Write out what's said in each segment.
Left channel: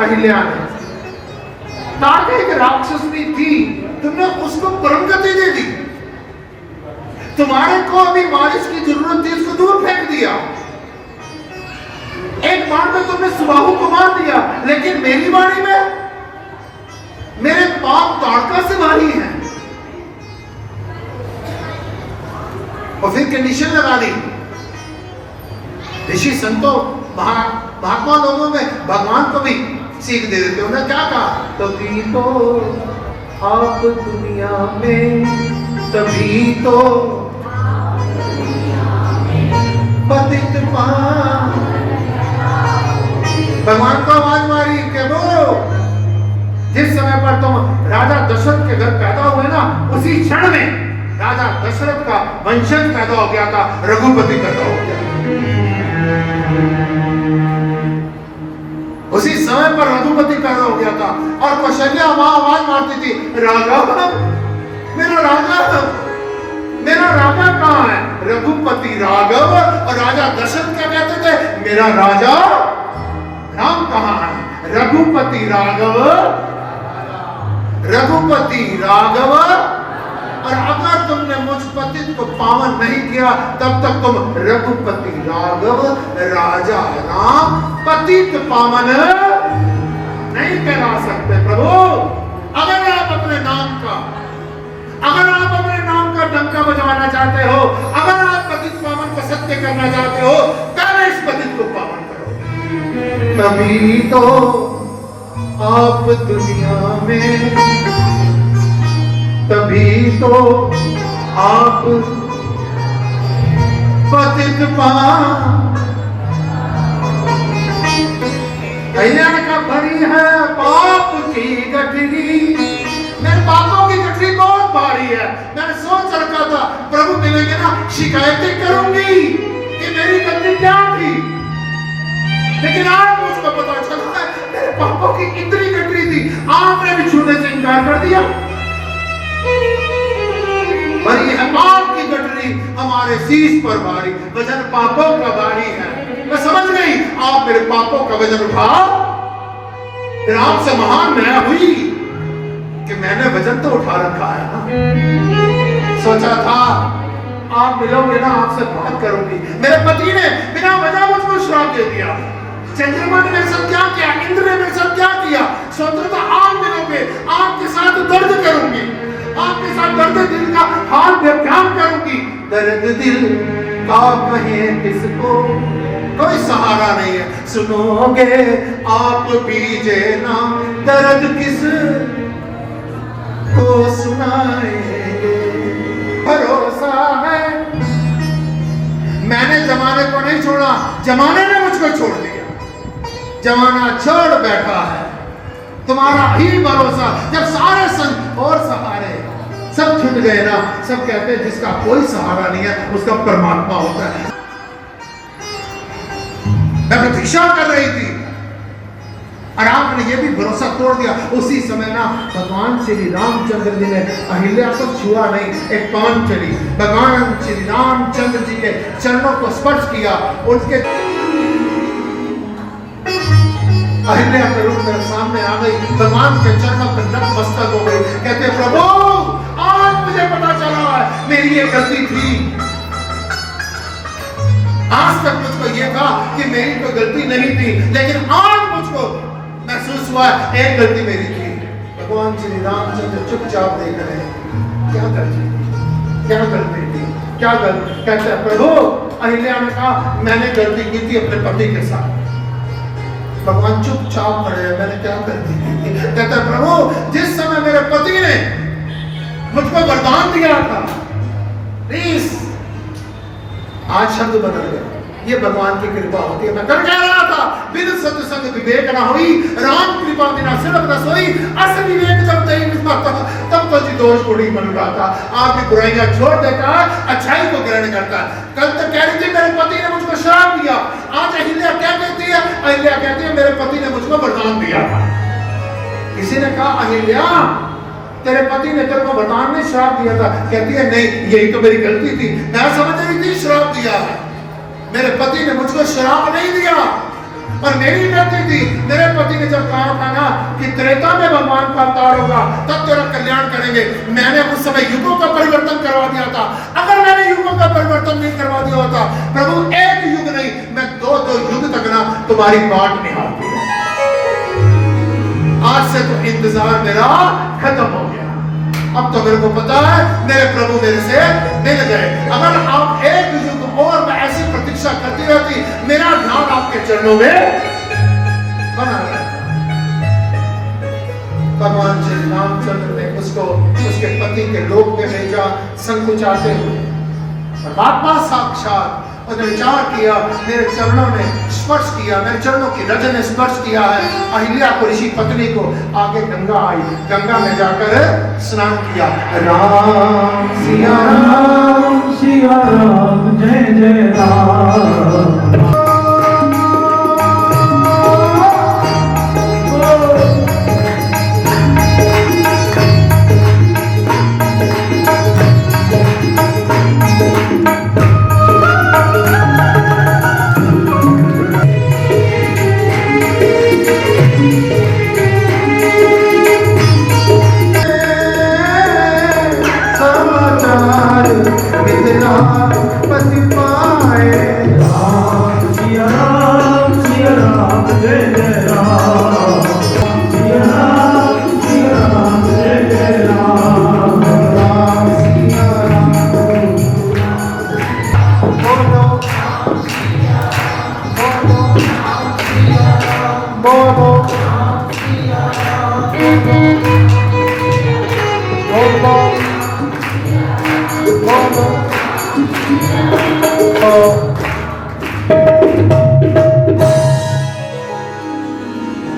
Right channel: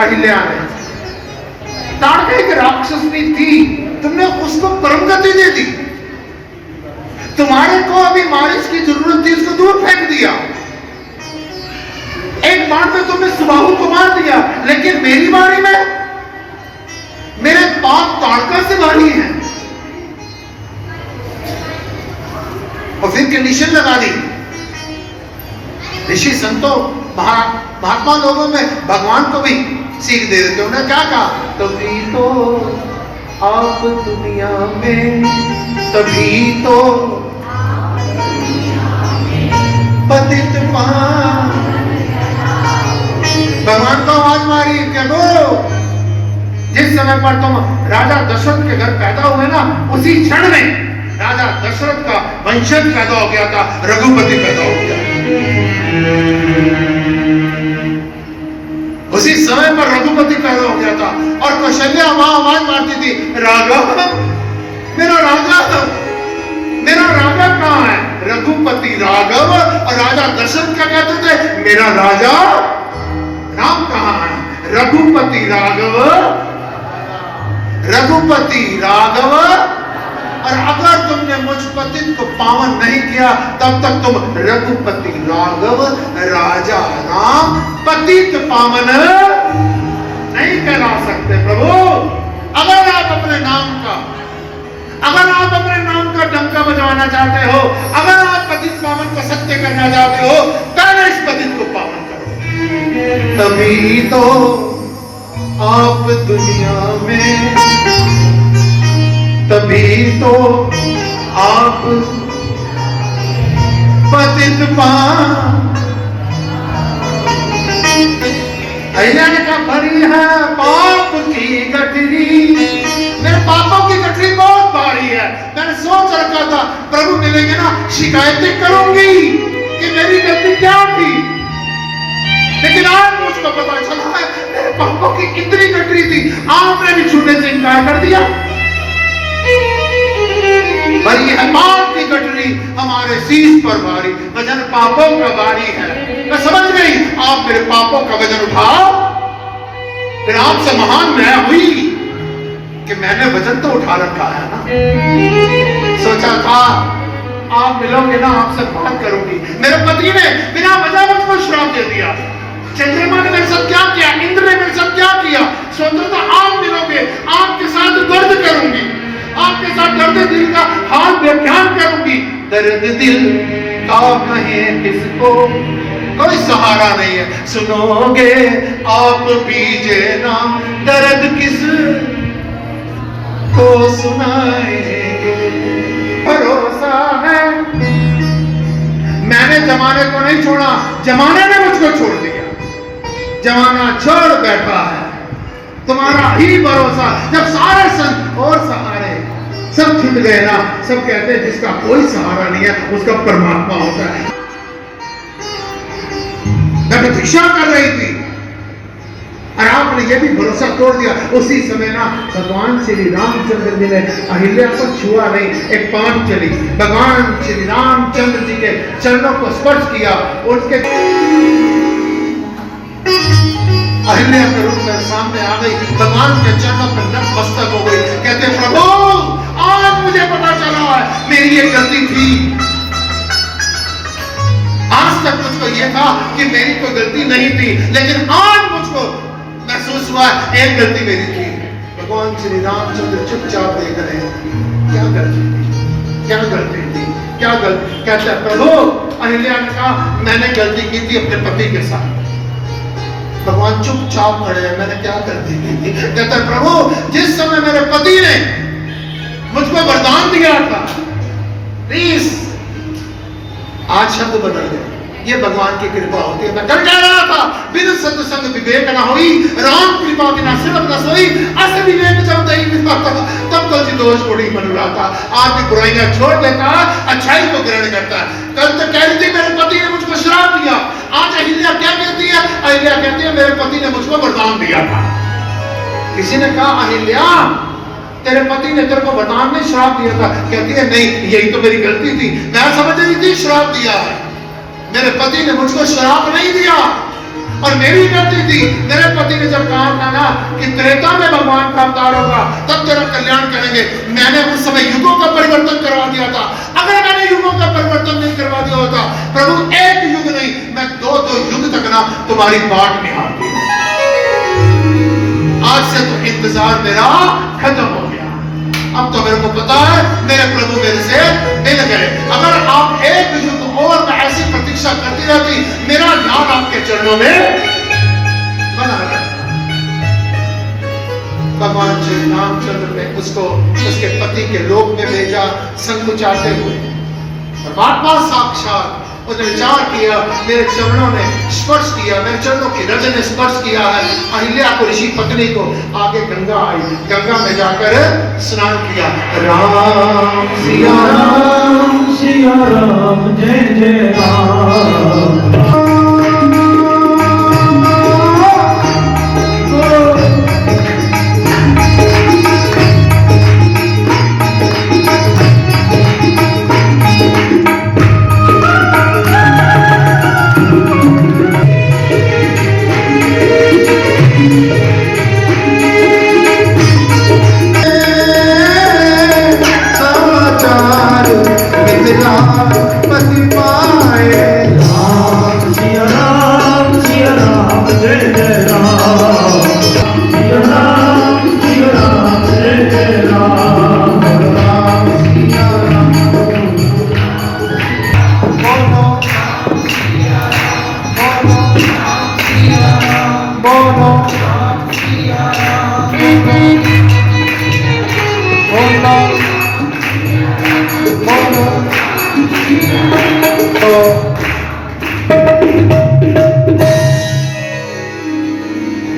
अहिल्या ने। ताड़का एक राक्षसनी थी, तुमने उसको परमगति दे दी। तुम्हारे को अभी मारिच की जरूरत थी, उसको दूर फेंक दिया। एक बाण में तुमने सुबाहु को मार दिया, लेकिन मेरी बारी में मेरे पाप ताड़का से भारी है। और फिर कंडीशन लगा दी। ऋषि संतों महात्मा लोगों में भगवान को भी सीख दे देते। उन्होंने क्या कहा, तभी तो आप दुनिया में, तभी तो पतित पावन। भगवान को आवाज मारी कि वो जिस समय पर तुम राजा दशरथ के घर पैदा हुए ना, उसी क्षण में राजा दशरथ का वंशज पैदा हो गया था, रघुपति पैदा हो गया। उसी समय पर रघुपति पैदा हो गया था। और कौशल्या वहां आवाज मारती थी, राघव, मेरा राघव, मेरा राघव कहाँ है? रघुपति राघव। और राजा दशरथ क्या कहते थे, मेरा राजा राम कहाँ है? रघुपति राघव, रघुपति राघव। और अगर तुमने मुझ पतित को पावन नहीं किया, तब तक तुम रघुपति राघव, राजा राम, पतित पावन नहीं कहला सकते। प्रभु, अगर आप अपने नाम का डंका बजाना चाहते हो, अगर आप पतित पावन को सत्य करना चाहते हो, पहले इस पतित को पावन करो। तभी तो आप दुनिया में, तभी तो आप पतित पावन। अहिल्या ने कहा, भरी है पाप की गठरी, मेरे पापों की गठरी बहुत भारी है। मैंने सोच रखा था प्रभु मिलेंगे ना, शिकायतें करूंगी कि मेरी गलती क्या थी, लेकिन आज मुझको पता चला है मेरे पापों की इतनी गठरी थी, आपने भी छूने से इनकार कर दिया। भरी है पाप की गठरी हमारे शीश पर भारी, वजन पापों का भारी है। मैं समझ गई, आप मेरे पापों का वजन उठाओ। फिर आपसे महान मैं हुई कि मैंने वजन तो उठा रखा है ना। सोचा था आप मिलोगे ना, आपसे बात करूंगी। मेरे पति ने बिना वजह मुझको श्राप दे दिया। चंद्रमा ने मेरे साथ क्या किया, इंद्र ने मेरे साथ क्या किया। स्वतंत्रता आप मिलोगे, आपके साथ दर्द करूंगी, आपके साथ दर्द दिल का हाल व्याख्यान करूंगी। दर्द दिल का कहे किसको, कोई सहारा नहीं है। सुनोगे आप बीजे ना, दर्द किस को सुनाएंगे। भरोसा है, मैंने जमाने को नहीं छोड़ा, जमाने ने मुझको छोड़ दिया। जमाना छोड़ बैठा है, तुम्हारा ही भरोसा। जब सारे संत और सहारे सब छूट गए ना, सब कहते हैं जिसका कोई सहारा नहीं है उसका परमात्मा होता है। मैं प्रतीक्षा कर रही थी और आपने ये भी भरोसा तोड़ दिया। उसी समय ना भगवान श्री रामचंद्र जी ने अहिल्या को छुआ नहीं, एक पान चली, भगवान श्री रामचंद्र जी के चरणों को स्पर्श किया। उनके अहिल्या के रूप में सामने आ गई, भगवान के चरणों पर नतमस्तक हो गई। कहते प्रभु, आज मुझे पता चला है मेरी ये गलती थी। आज तक मुझको ये था कि मेरी कोई गलती नहीं थी, लेकिन आज मुझको महसूस हुआ एक गलती मेरी थी। भगवान श्री रामचंद्र चुपचाप देख रहे हैं, क्या गलती थी, क्या गलती थी, क्या गलती। कहते प्रभु, अहिल्या ने कहा मैंने गलती की थी अपने पति के साथ। भगवान चुपचाप खड़े हैं, मैंने क्या गलती की थी। कहता प्रभु, जिस समय मेरे पति ने मुझको वरदान दिया था, प्लीज, आज शब्द बदल गए। ये भगवान की कृपा होती है। मैं कल कह रहा था, बिन सत्संग विवेक न होई, राम कृपा बिना सिर्फ न सोई। अस विवेक जब नहीं मिलता तब कल जी दोष थोड़ी बन रहा था। आज भी बुराइयां छोड़ देता है, अच्छाई को ग्रहण करता है। कल तक कह रही थी मेरे पति ने मुझको श्राप दिया, आज अहिल्या क्या कहती है? अहिल्या कहती है मेरे पति ने मुझको वरदान दिया था। किसी ने कहा अहिल्या, तेरे पति ने तेरे को वरदान नहीं श्राप दिया था। कहती है नहीं, यही तो मेरी गलती थी, मैं समझ रही थी श्राप दिया है। मेरे पति ने मुझको श्राप नहीं दिया, और मेरी गलती थी। मेरे पति ने जब कहा था ना कि त्रेता में भगवान का अवतार होगा तब तेरा कल्याण करेंगे, मैंने उस समय युगों का परिवर्तन करवा दिया था। अगर मैंने युगों का परिवर्तन नहीं करवा दिया होता, प्रभु एक युग नहीं मैं दो युग तक ना तुम्हारी बाट निहारती। आज से तो इंतजार मेरा खत्म हो गया। अब तो मेरे को पता है मेरे प्रभु मेरे से मिल गए। अगर आप एक युग और मैं ऐसी प्रतीक्षा करती रहती, मेरा ध्यान आपके चरणों में बना रहता। भगवान श्री रामचंद्र ने उसको उसके पति के लोक में भेजा संकुचाते हुए। परमात्मा साक्षात उसने विचार किया, मेरे चरणों ने स्पर्श किया, मेरे चरणों की रज ने स्पर्श किया है। अहिल्या को, ऋषि पत्नी को, आगे गंगा आई, गंगा में जाकर स्नान किया। राम सिया राम जय जय राम।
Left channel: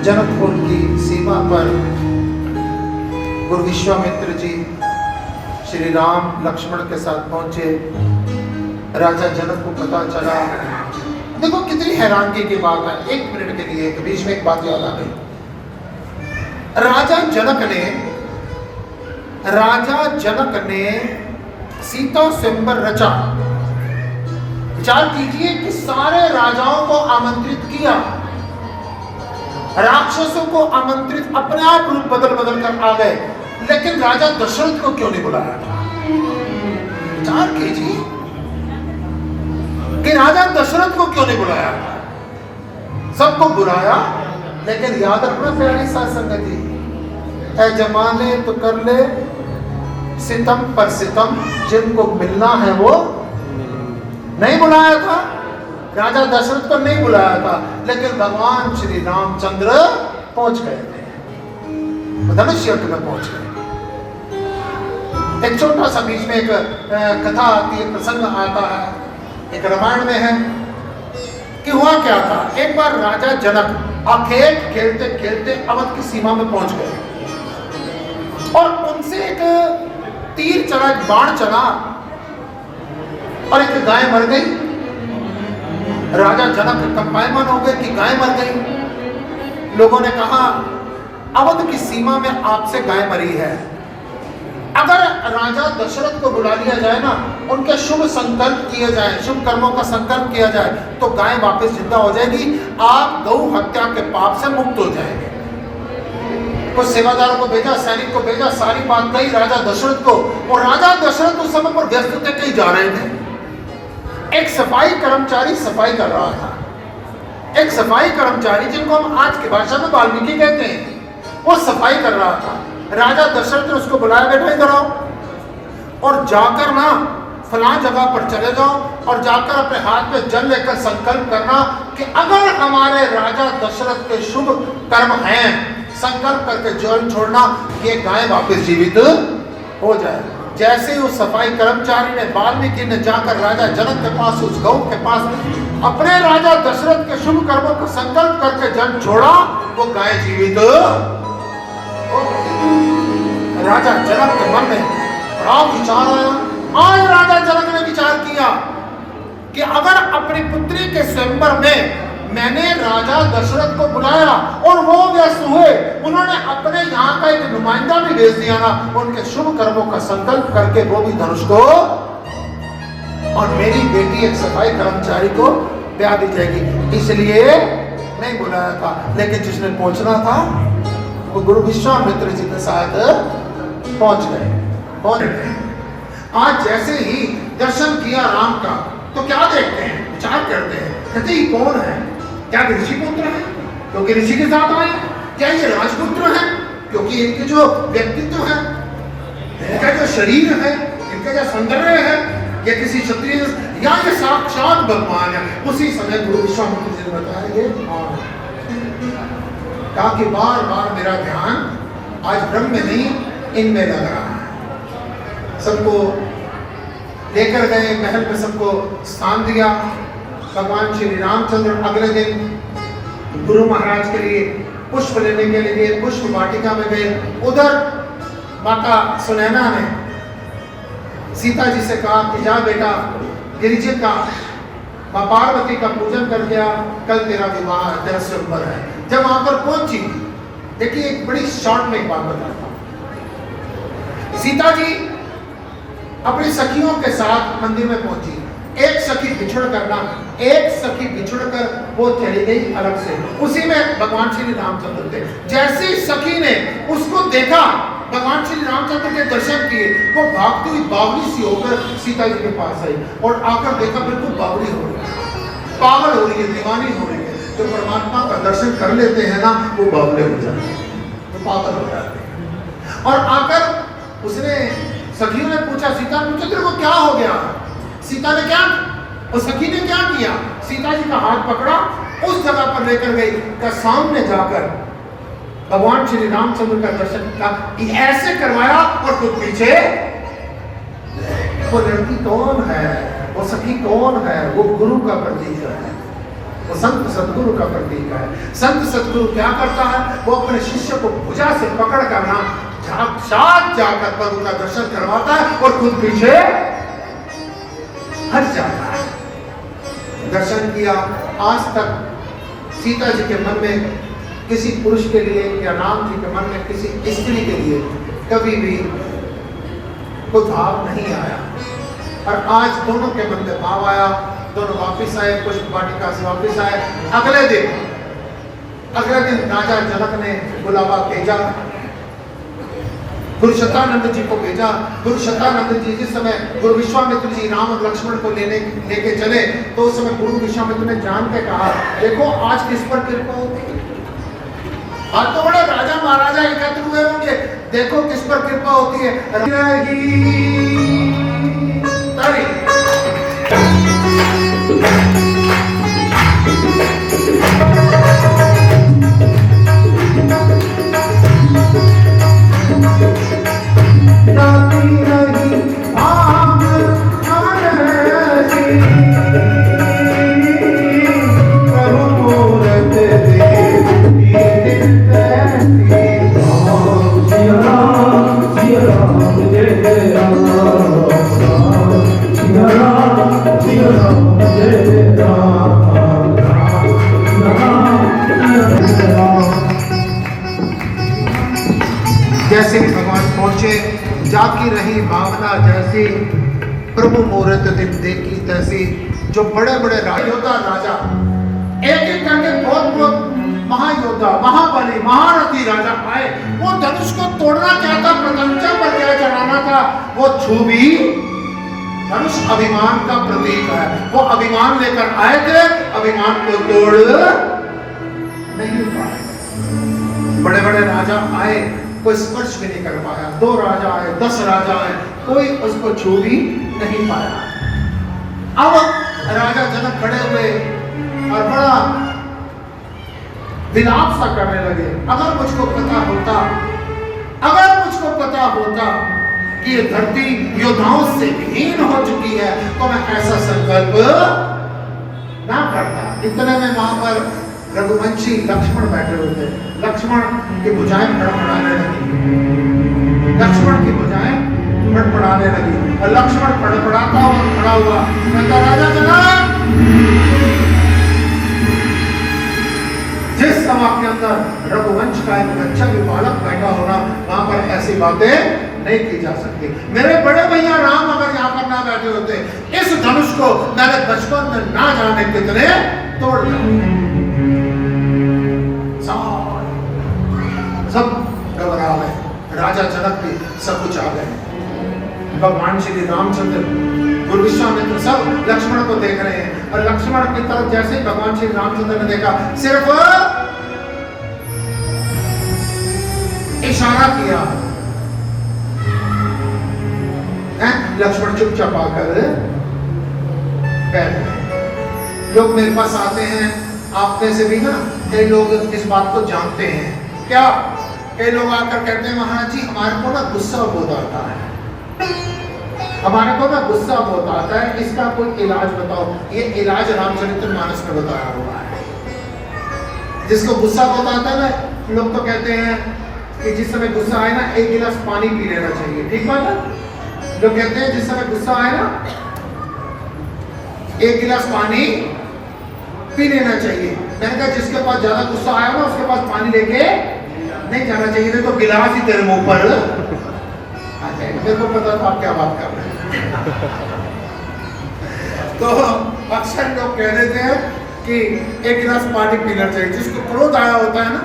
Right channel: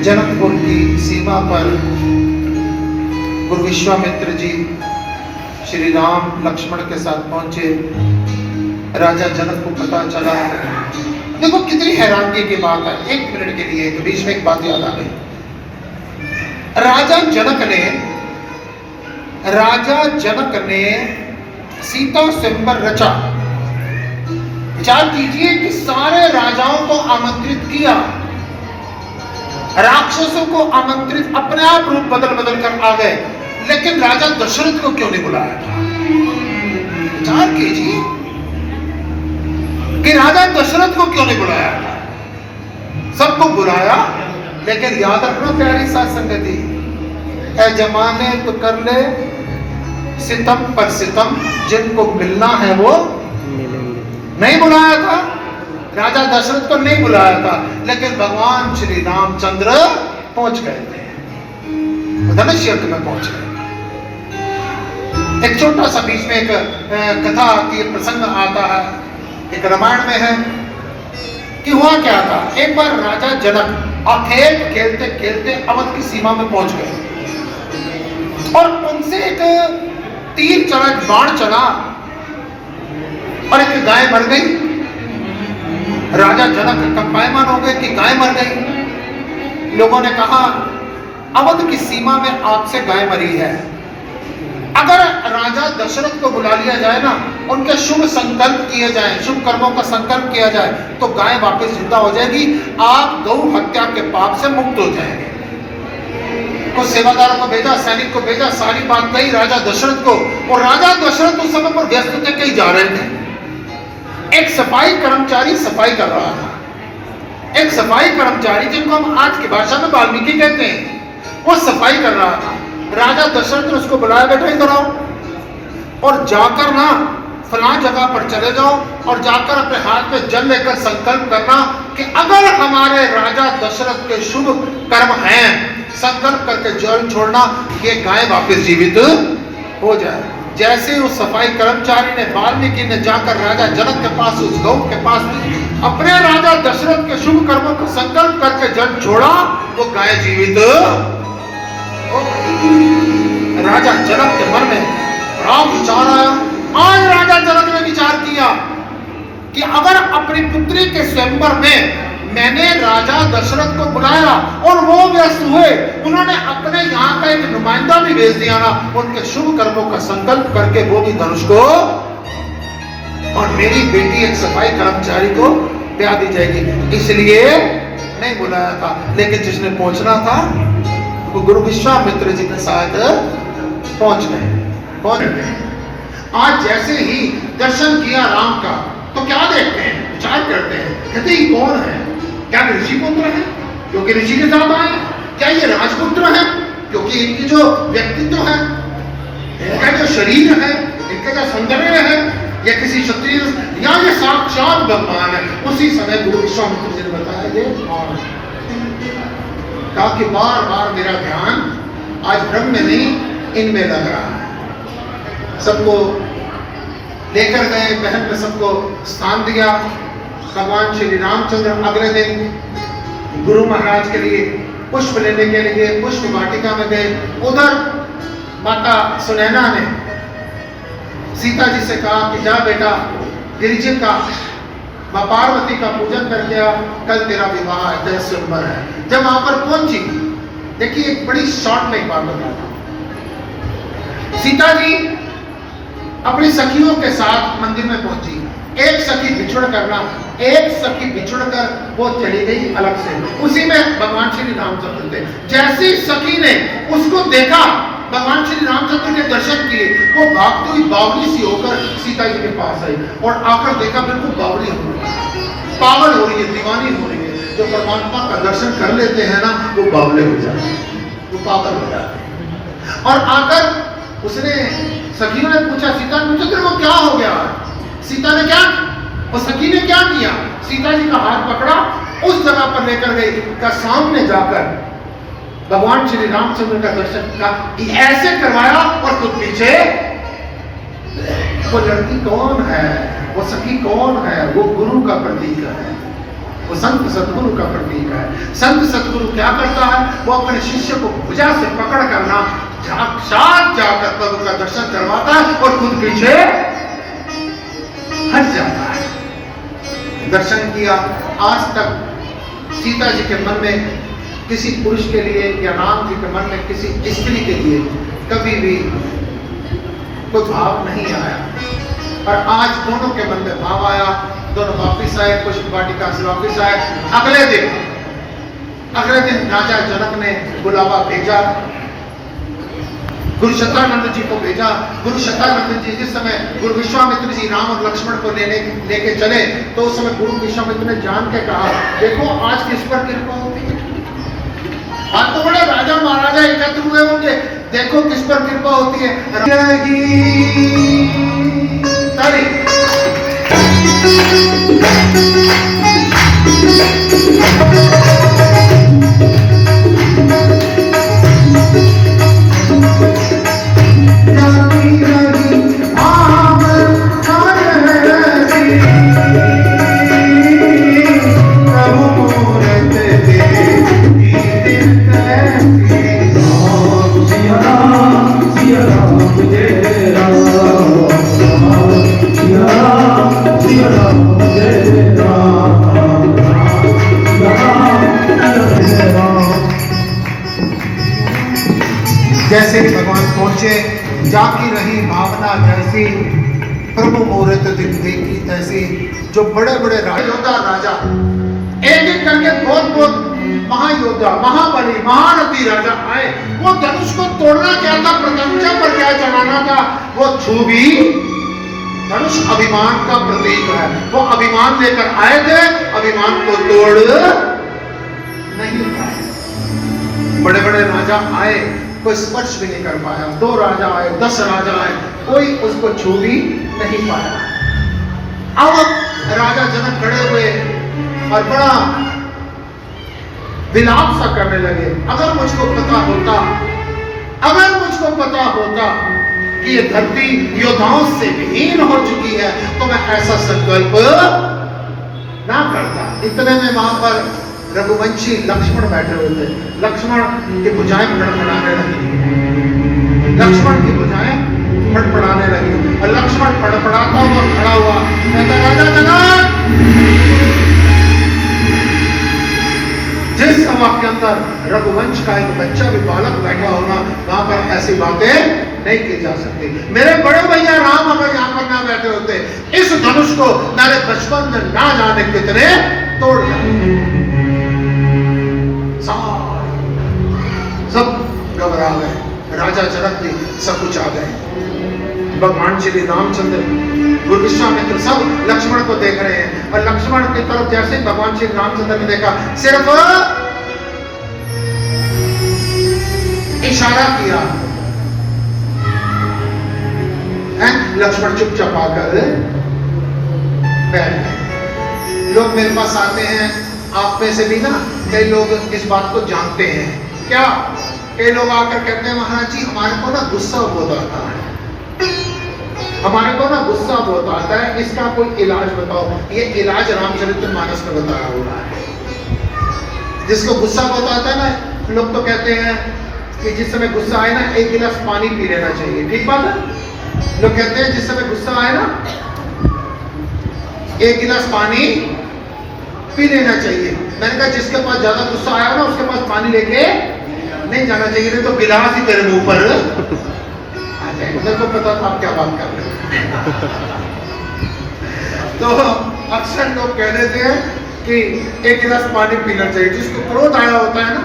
जनकपुर की सीमा पर गुरु विश्वामित्र जी श्री राम लक्ष्मण के साथ पहुंचे। राजा जनक को पता चला। देखो कितनी हैरानगी की बात है। एक मिनट के लिए तो बीच में एक बात याद आ गई। राजा जनक ने सीता स्वयंवर रचा। विचार कीजिए कि सारे राजाओं को आमंत्रित किया, राक्षसों को आमंत्रित, अपने आप रूप बदल बदल कर आ गए, लेकिन राजा दशरथ को क्यों नहीं बुलाया था? विचार कीजिए कि राजा दशरथ को क्यों नहीं बुलाया था? सबको बुलाया, लेकिन याद रखना प्यारी साथ संगति, ऐ जमाने तो कर ले सितम पर सितम, जिनको मिलना है वो नहीं बुलाया था। राजा दशरथ को नहीं बुलाया था, लेकिन भगवान श्री रामचंद्र पहुंच गए थे, धनुष युद्ध में पहुंच गए। एक छोटा सा बीच में एक कथा आती है, प्रसंग आता है, एक रामायण में है कि हुआ क्या था। एक बार राजा जनक अखेल खेलते खेलते अवध की सीमा में पहुंच गए और उनसे एक तीर चला, एक बाण चला और एक गाय मर गई। राजा जनक कंपायमान हो गए कि गाय मर गई। लोगों ने कहा अवध की सीमा में आपसे गाय मरी है, अगर राजा दशरथ को बुला लिया जाए ना, उनके शुभ संकल्प किए जाए, शुभ कर्मों का संकल्प किया जाए, तो गाय वापस जिंदा हो जाएगी, आप गौ हत्या के पाप से मुक्त हो जाएंगे। कुछ सेवादारों को भेजा, सैनिक को भेजा, सारी बात कही राजा दशरथ को, और राजा दशरथ उस समय पर व्यस्त थे, कहीं जा रहे थे। एक सफाई कर्मचारी सफाई कर रहा था। एक सफाई कर्मचारी, जिनको हम आज की भाषा में वाल्मीकि कहते हैं, वो सफाई कर रहा था। राजा दशरथ ने उसको बुलाया, बैठो इधर आओ और जाकर ना फलां जगह पर चले जाओ और जाकर अपने हाथ में जल लेकर संकल्प करना कि अगर हमारे राजा दशरथ के शुभ कर्म हैं, संकल्प करके जल छोड़ना, ये गाय वापस जीवित हो जाए। जैसे ही उस सफाई कर्मचारी ने, वाल्मीकि ने जाकर राजा जनक के पास, उस गौ के पास अपने राजा दशरथ के शुभ कर्मों को संकल्प करके जल छोड़ा, वो गाय जीवित हो गई। राजा जनक के मन में बड़ा विचार आया। आज राजा जनक ने विचार किया कि अगर अपनी पुत्री के स्वयंवर में मैंने राजा दशरथ को बुलाया और वो व्यस्त हुए, उन्होंने अपने यहाँ का एक नुमाइंदा भी भेज दिया ना, उनके शुभ कर्मों का संकल्प करके वो भी धनुष को, और मेरी बेटी एक सफाई कर्मचारी को ब्याह दी जाएगी। इसलिए नहीं बुलाया था, लेकिन जिसने पहुंचना था वो गुरु विश्वामित्र जी के साथ पहुंच गए। आज जैसे ही दर्शन किया राम का तो क्या देखते हैं, विचार करते हैं, कहते ये कौन है? क्या ऋषि पुत्र है क्योंकि ऋषि के साथ आए? क्या ये राजपुत्र है क्योंकि इनकी जो व्यक्तित्व है, इनका जो शरीर है, इनका जो सौंदर्य है, ये किसी क्षत्रिय या ये साक्षात भगवान है? उसी समय गुरु विश्वामित्र जी ने बताया ये कौन है, ताकि बार बार मेरा ध्यान आज ब्रह्म में नहीं इनमें लग रहा है। सबको लेकर गए, महल में सबको स्थान दिया। भगवान श्री रामचंद्र अगले दिन गुरु महाराज के लिए पुष्प लेने के लिए पुष्प वाटिका में गए। उधर माता सुनैना ने सीता जी से कहा कि जा बेटा गिरिजा का मां पार्वती का पूजन कर दिया, कल तेरा विवाह है, तेरा स्वयंवर है। जब वहां पर पहुंची, देखिए एक बड़ी शॉर्ट में बात बताता हूं। सीता जी अपनी सखियों के साथ मंदिर में पहुंची। एक सखी बिछुड़ करना, एक सखी बिछुड़ कर वो चली गई अलग से। उसी में भगवान श्री रामचंद्र थे। जैसी सखी ने उसको देखा, भगवान श्री रामचंद्र के दर्शन किए, वो भागती हुई बावली सी होकर सीता जी के पास आई और आकर देखा बिल्कुल बावली हो रही है, पागल हो रही है, दीवानी हो रही है। जो परमात्मा का दर्शन कर लेते हैं ना, वो बावले हो जाते हैं, वो पागल हो जाते हैं। और आकर उसने सखियों ने पूछा, सीता ने पूछा तेरे को क्या हो गया? सीता ने क्या, वो सखी ने क्या किया? सीता जी का हाथ पकड़ा, उस जगह पर लेकर गई, का सामने जाकर भगवान श्री रामचंद्र का दर्शन का ऐसे करवाया और खुद पीछे। वो लड़की कौन है, वो सखी कौन है? वो गुरु का प्रतीक है, वो संत सतगुरु का प्रतीक है। संत सतगुरु क्या करता है? वो अपने शिष्य को भुजा से पकड़ करना साथ जाकर प्रभु का दर्शन करवाता है और खुद पीछे हट जाता है। दर्शन किया। आज तक सीता जी के मन में किसी पुरुष के लिए या राम जी के मन में किसी स्त्री के लिए कभी भी कोई भाव नहीं आया, और आज दोनों के मन में भाव आया। दोनों वापिस आए, पुष्प वाटिका से वापिस आए। अगले दिन राजा जनक ने बुलावा भेजा, गुरु शतानंद जी को भेजा। गुरु शतानंद जी जिस समय गुरु विश्वामित्र जी राम और लक्ष्मण को लेके चले, तो उस समय गुरु विश्वामित्र ने जान के कहा, देखो आज किस पर कृपा होती है। आज तो बड़े राजा महाराजा एकत्र हुए होंगे, देखो किस पर कृपा होती है। जैसे भगवान पहुंचे, जाकी रही भावना जैसी, प्रभु मूर्त दिन देखी तैसी। जो बड़े बड़े योद्धा राजा एक एक करके बहुत महायोद्धा, महाबली, महारथी राजा आए। वो धनुष को तोड़ना क्या था, प्रत्यंचा पर क्या चढ़ाना था, वो छू भी। धनुष अभिमान का प्रतीक है, वो अभिमान लेकर आए थे, अभिमान को तोड़ नहीं पाए। बड़े बड़े राजा आए, कोई स्पर्श भी नहीं कर पाया। 2 राजा आए, 10 राजा आए, कोई उसको छू भी नहीं पाया। अब राजा जनक खड़े हुए और बड़ा विलाप सा करने लगे। अगर मुझको पता होता कि ये धरती योद्धाओं से विहीन हो चुकी है, तो मैं ऐसा संकल्प ना करता। इतने में वहां पर रघुवंशी लक्ष्मण बैठे हुए थे। लक्ष्मण की भुजाएं फड़फड़ाने लगी, लक्ष्मण की भुजाएं फड़फड़ाने लगी और लक्ष्मण फड़फड़ाता हुआ खड़ा हुआ, कहता राजा जनक, जिस सभा के अंदर रघुवंश का एक बच्चा भी बालक बैठा होना, वहां पर ऐसी बातें नहीं की जा सकती। मेरे बड़े भैया राम अगर यहाँ पर ना बैठे होते, इस धनुष को मेरे बचपन में ना जाने कितने तोड़ दिया। सब घबरा गए, राजा जनक भी सब कुछ आ गए। भगवान श्री रामचंद्र और विश्वामित्र सब लक्ष्मण को देख रहे हैं, और लक्ष्मण की तरफ जैसे भगवान श्री रामचंद्र ने देखा, सिर्फ इशारा किया, लक्ष्मण चुपचाप आकर बैठ गए। लोग मेरे पास आते हैं, आप में से भी ना कई लोग इस बात को जानते हैं। क्या? कई लोग आकर कहते हैं, महाराज जी हमारे को ना गुस्सा बहुत आता है, हमारे को ना गुस्सा बहुत आता है, इसका कोई इलाज बताओ। ये इलाज रामचरितमानस में बताया हुआ है। जिसको गुस्सा बहुत आता है ना, लोग तो कहते हैं कि जिस समय गुस्सा आए ना 1 गिलास पानी पी लेना चाहिए। ठीक बात है? लोग कहते हैं जिस समय गुस्सा आए ना 1 गिलास पानी पी लेना चाहिए। मैंने कहा जिसके पास ज्यादा गुस्सा आया ना उसके पास पानी लेके नहीं जाना चाहिए, नहीं तो गिलास ही तेरे मुंह पर आ जाएगा। मेरे को पता था आप क्या बात कर रहे हैं। तो अक्सर लोग कह देते हैं कि 1 गिलास पानी पीना चाहिए। जिसको क्रोध आया होता है ना,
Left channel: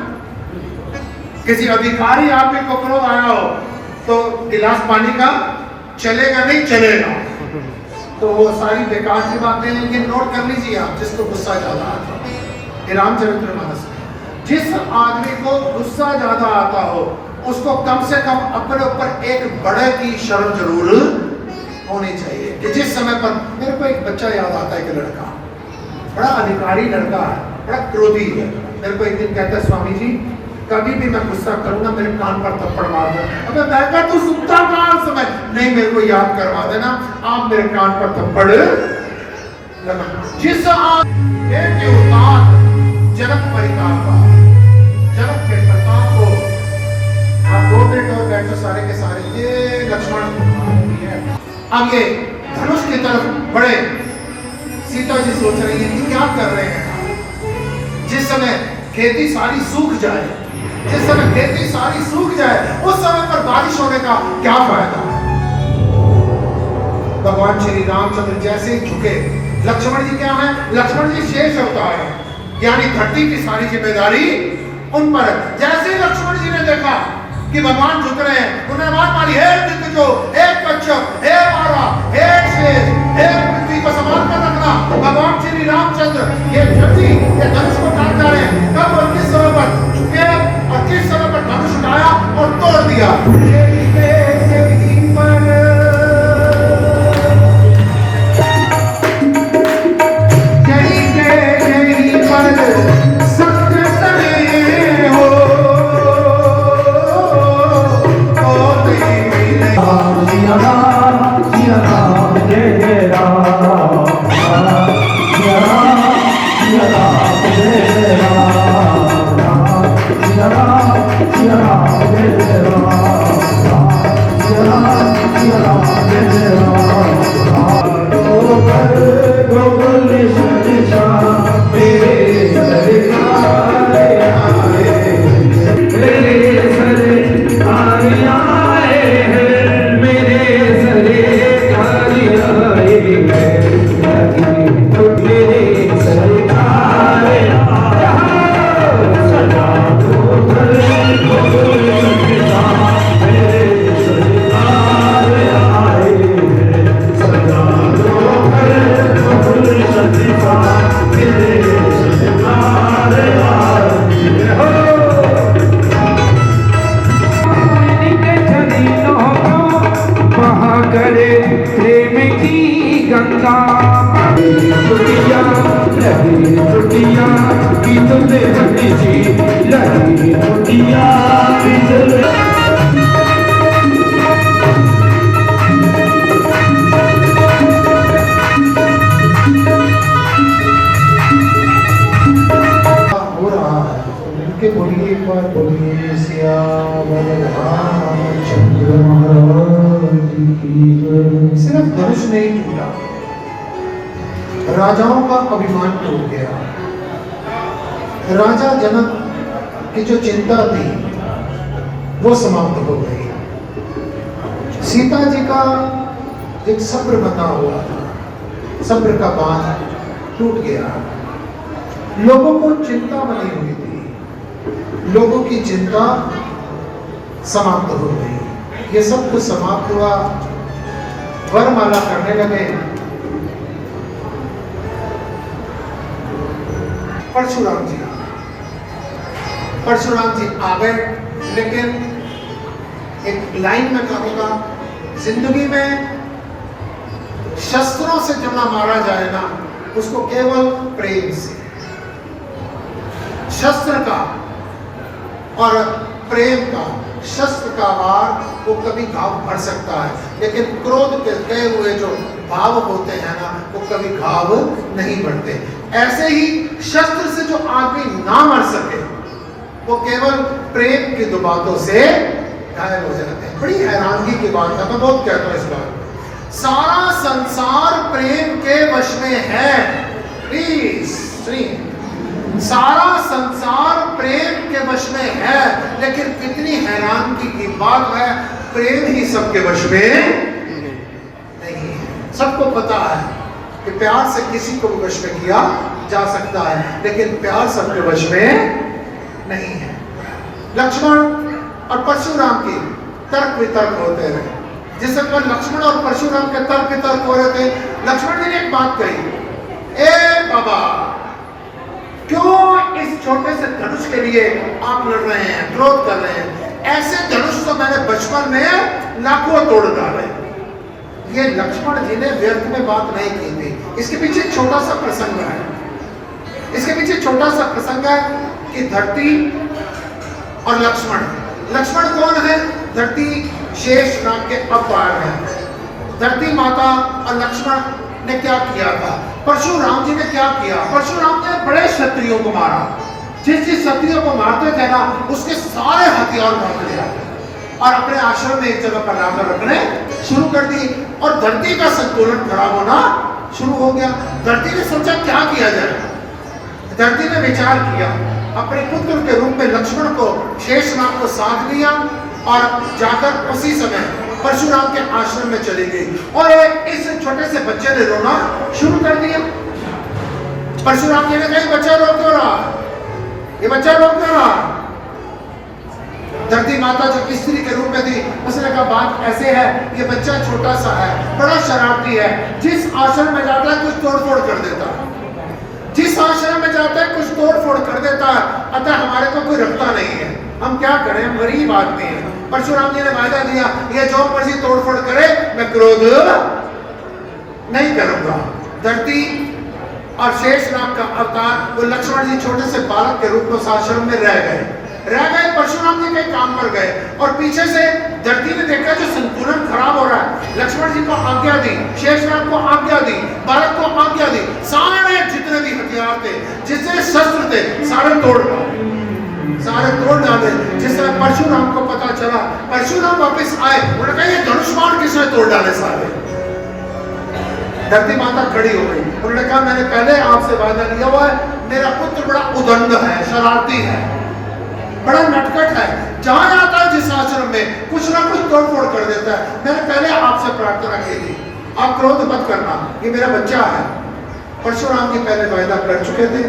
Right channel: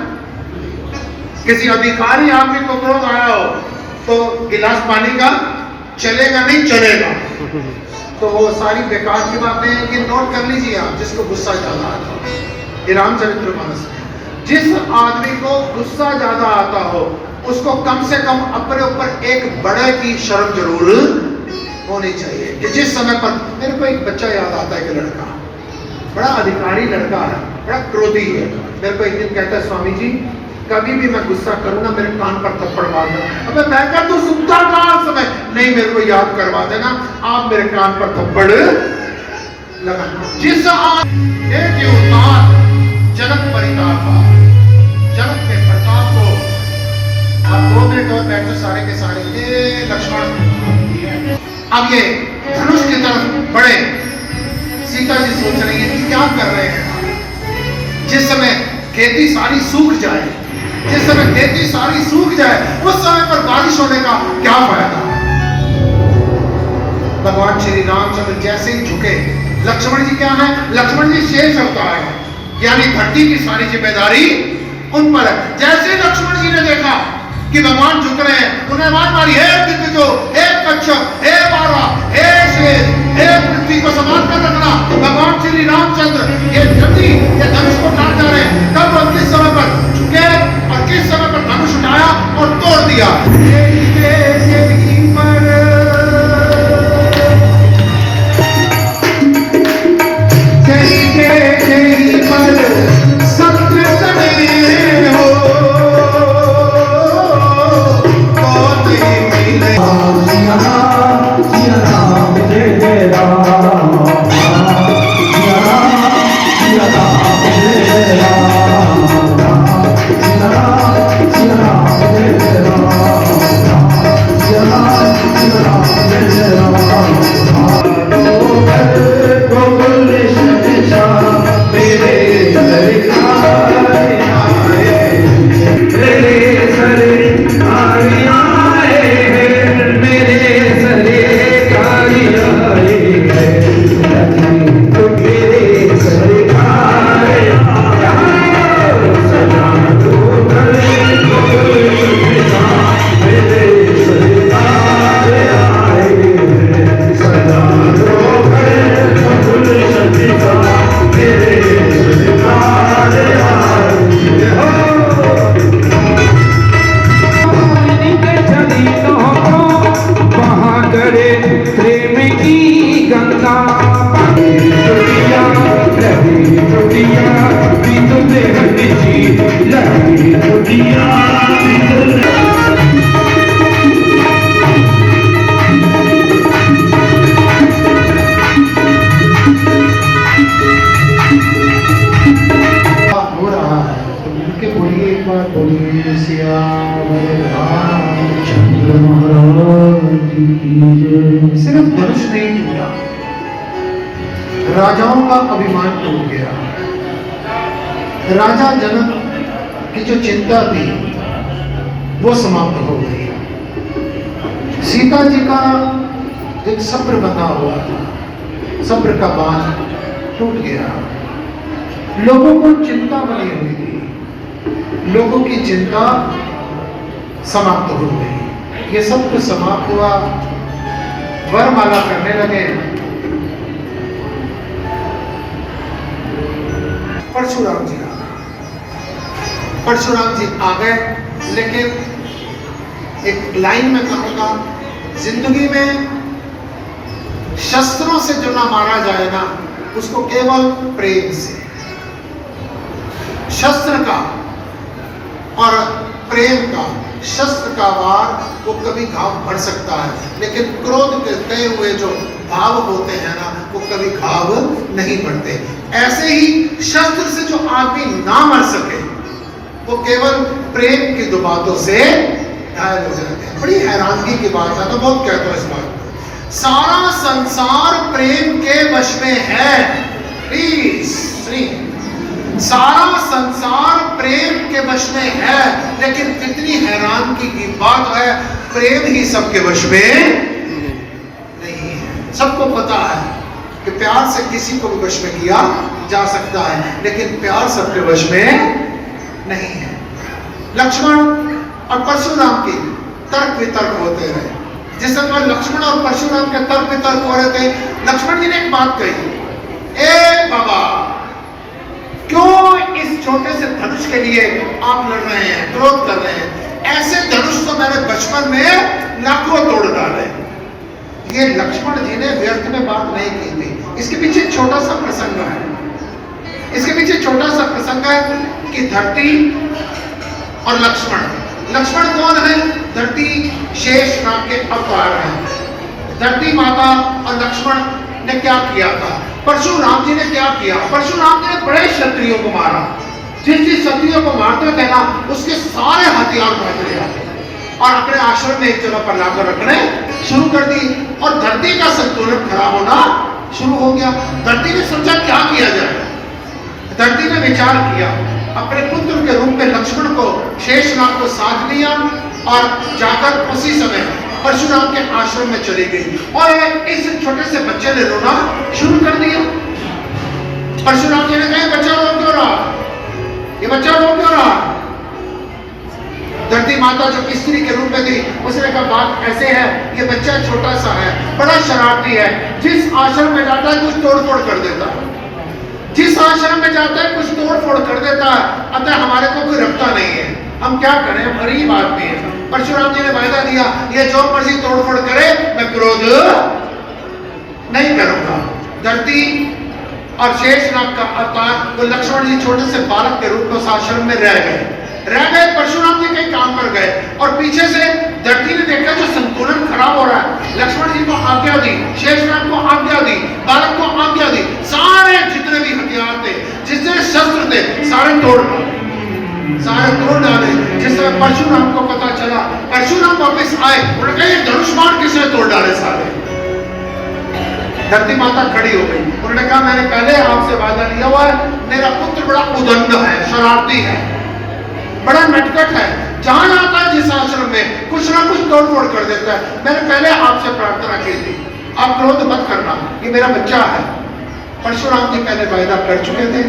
किसी अधिकारी आपके को क्रोध आया हो तो गिलास पानी का चलेगा नहीं, चलेगा। तो वो सारी बेकार की बातें हैं, ये नोट कर लीजिए आप। जिसको गुस्सा ज्यादा आता है, ये रामचरितमानस में जिस आदमी को गुस्सा ज्यादा आता हो उसको कम से कम अपने ऊपर एक बड़े की शर्म जरूर होनी चाहिए। कि जिस समय पर मेरे को एक बच्चा याद आता है, कि लड़का बड़ा अधिकारी लड़का है, बड़ा क्रोधी है। मेरे को एक दिन कहता है, स्वामी जी कभी भी मैं गुस्सा करूं ना मेरे कान पर थप्पड़ मार दो। अबे बैठकर तू सुनता कहां समय? नहीं, मेरे को याद करवा देना, आप मेरे कान पर थप्पड़ लगा। जिस जनक परिताप, जनक के प्रताप को आप 2 मिनट और बैठो सारे के सारे। ये लक्ष्मण अब ये धनुष की तरफ बढ़े। सीता जी सोच रही है कि क्या कर रहे हैं। जिस समय खेती सारी सूख जाए, जिस समय खेती सारी सूख जाए, उस समय पर बारिश होने का क्या फायदा। भगवान श्री रामचंद्र जैसे ही झुके, लक्ष्मण जी क्या है? लक्ष्मण जी शेष अवतार है, यानी धरती की सारी जिम्मेदारी उन पर है। जैसे लक्ष्मण जी ने देखा कि भगवान झुक रहे हैं, उन्होंने आवाज मारी, हे दिग्गजो, हे कच्छप, हे बारा, हे शेष, हे पृथ्वी को संभाल कर रखना। भगवान श्री रामचंद्र ये धरती, ये धनुष को काट जा रहे हैं। तब और किस समय पर झुके और किस समय पर धनुष उठाया और तोड़ दिया। सिर्फ धनुष नहीं टूटा, राजाओं का अभिमान टूट गया। राजा जनक की जो चिंता थी वो समाप्त हो गई। सीता जी का एक सब्र बना हुआ था, सब्र का बांध टूट गया। लोगों को चिंता बनी हुई थी, लोगों की चिंता समाप्त हो गई। ये सब कुछ समाप्त हुआ, वरमाला करने लगे। परशुराम जी आ गए, लेकिन एक लाइन में कहूंगा, जिंदगी में शस्त्रों से जो ना मारा जाए ना, उसको केवल प्रेम से, शस्त्र का और प्रेम का, शस्त्र का वार वो कभी घाव भर सकता है, लेकिन क्रोध के गए हुए जो भाव होते हैं ना, वो कभी घाव नहीं बढ़ते। ऐसे ही शस्त्र से जो आदमी ना मर सके, वो केवल प्रेम की दो बातों से घायल हो जाते हैं। बड़ी हैरानगी की बात है, मैं बहुत कहता हूं इस बात को। सारा संसार प्रेम के वश में है, प्लीज सारा संसार प्रेम के वश में है, लेकिन कितनी हैरानगी की बात है, प्रेम ही सबके वश में नहीं है। सबको पता है कि प्यार से किसी को भी वश में किया जा सकता है, लेकिन प्यार सबके वश में नहीं है। लक्ष्मण और परशुराम की तर्क वितर्क होते रहे। जिस समय लक्ष्मण और परशुराम के तर्क वितर्क हो रहे थे, लक्ष्मण जी ने एक बात कही, ए बाबा, क्यों इस छोटे से धनुष के लिए आप लड़ रहे हैं, क्रोध कर रहे हैं? ऐसे धनुष तो मैंने बचपन में लाखों तोड़ डाले। ये लक्ष्मण जी ने व्यर्थ में बात नहीं की थी। इसके पीछे छोटा सा प्रसंग है। इसके पीछे छोटा सा प्रसंग है कि धरती और लक्ष्मण। लक्ष्मण कौन है? धरती शेष नाम के अवतार है। धरती माता और लक्ष्मण ने क्या किया था? परशुराम जी ने क्या किया? परशुराम जी ने बड़े क्षत्रियों को मारा। जिस क्षत्रियों को मारते थे ना, उसके सारे हथियार बांट लिया और अपने आश्रम में एक जगह पर लाकर रखने शुरू कर दी, और धरती का संतुलन खराब होना शुरू हो गया। धरती ने सोचा क्या किया जाए। धरती ने विचार किया, अपने पुत्र के रूप में लक्ष्मण को, शेषनाग को साथ लिया और जाकर उसी समय परशुराम के आश्रम में चली गई, और इस छोटे से बच्चे ने रोना शुरू कर दिया। परशुराम जी ने कहा, बच्चा रो क्यों रहा? ये बच्चा रो क्यों रहा? धरती माता जो स्त्री के रूप में थी, उसने कहा, बात ऐसे है, ये बच्चा छोटा सा है, बड़ा शरारती है, जिस आश्रम में जाता है कुछ तोड़ फोड़ कर देता है, जिस आश्रम में जाता है कुछ तोड़ फोड़ कर देता है, अतः हमारे को कोई रखता नहीं है, हम क्या करें, गरीब आदमी है। परशुराम जी ने वायदा दिया, ये जो मर्जी तोड़ फोड़ करे, मैं क्रोध नहीं करूंगा। धरती और शेषनाग का अवतार, वो लक्ष्मण जी छोटे से बालक के रूप में उस आश्रम में रह गए। परशुराम जी कई काम कर गए, और पीछे से धरती ने देखा जो संतुलन खराब हो रहा है, लक्ष्मण जी को आज्ञा दी, शेषनाग को आज्ञा दी, बालक को आज्ञा दी, सारे जितने भी हथियार थे, जितने शस्त्र थे, सारे तोड़ डाले। जिस समय परशुराम को पता चला, परशुराम वापस आए, उन्होंने कहा, ये धनुष्मान किसने तोड़ डाले सारे? धरती माता खड़ी हो गई, उन्होंने कहा, मैंने पहले आपसे वादा लिया हुआ है, मेरा पुत्र बड़ा उदंड है, शरारती है, बड़ा नटखट है, जहां जाता है जिस आश्रम में कुछ ना कुछ तोड़ फोड़ कर देता है। मैंने पहले आपसे प्रार्थना की थी, आप क्रोध मत करना, ये मेरा बच्चा है। परशुराम जी पहले वायदा कर चुके थे,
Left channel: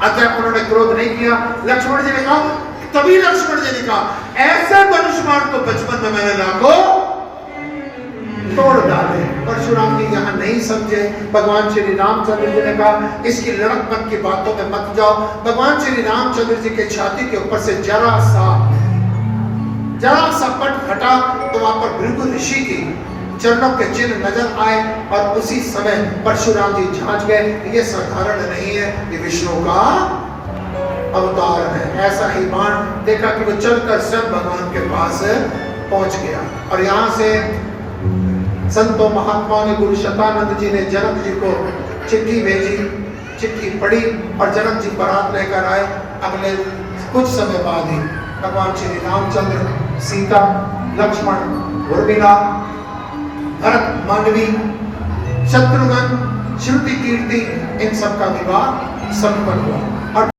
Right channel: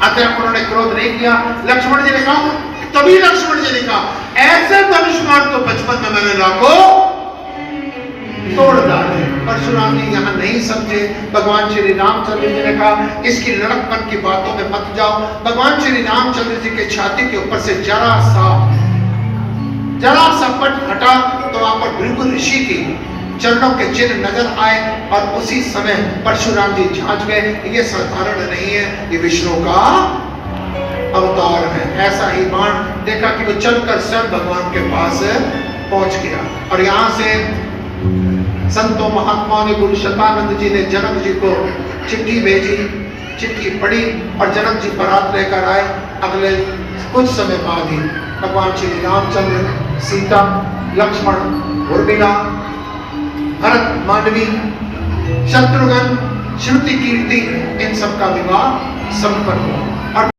अतः उन्होंने क्रोध नहीं किया। लक्ष्मण जी ने कहा, तभी लक्ष्मण जी ने कहा, ऐसे धनुष्मान तो बचपन में मैंने लाखों तोड़ डाले। परशुराम जी यहाँ नहीं समझे। भगवान श्री रामचंद्र जी ने कहा, इसकी लड़कपन की बातों में मत जाओ। भगवान श्री रामचंद्र जी के छाती के ऊपर से जरा सा पट हटा, तो वहां पर भृगु ऋषि की चरणों के चिन्ह नजर आए, और उसी समय परशुराम जी जांच गए, ये साधारण नहीं है, ये विष्णु का अवतार है। ऐसा ही बाण देखा कि वो चलकर स्वयं भगवान के पास पहुंच गया। और यहाँ से संतों महात्माओं ने, गुरु शतानंद जी ने जनक जी को चिट्ठी भेजी, चिट्ठी पढ़ी, और जनक जी बारात लेकर आए। अगले कुछ समय बाद ही भगवान श्री रामचंद्र, सीता, लक्ष्मण, उर्मिला, भरत, मांडवी, शत्रुघ्न, श्रुति, कीर्ति, इन सब का विवाह संपन्न हुआ।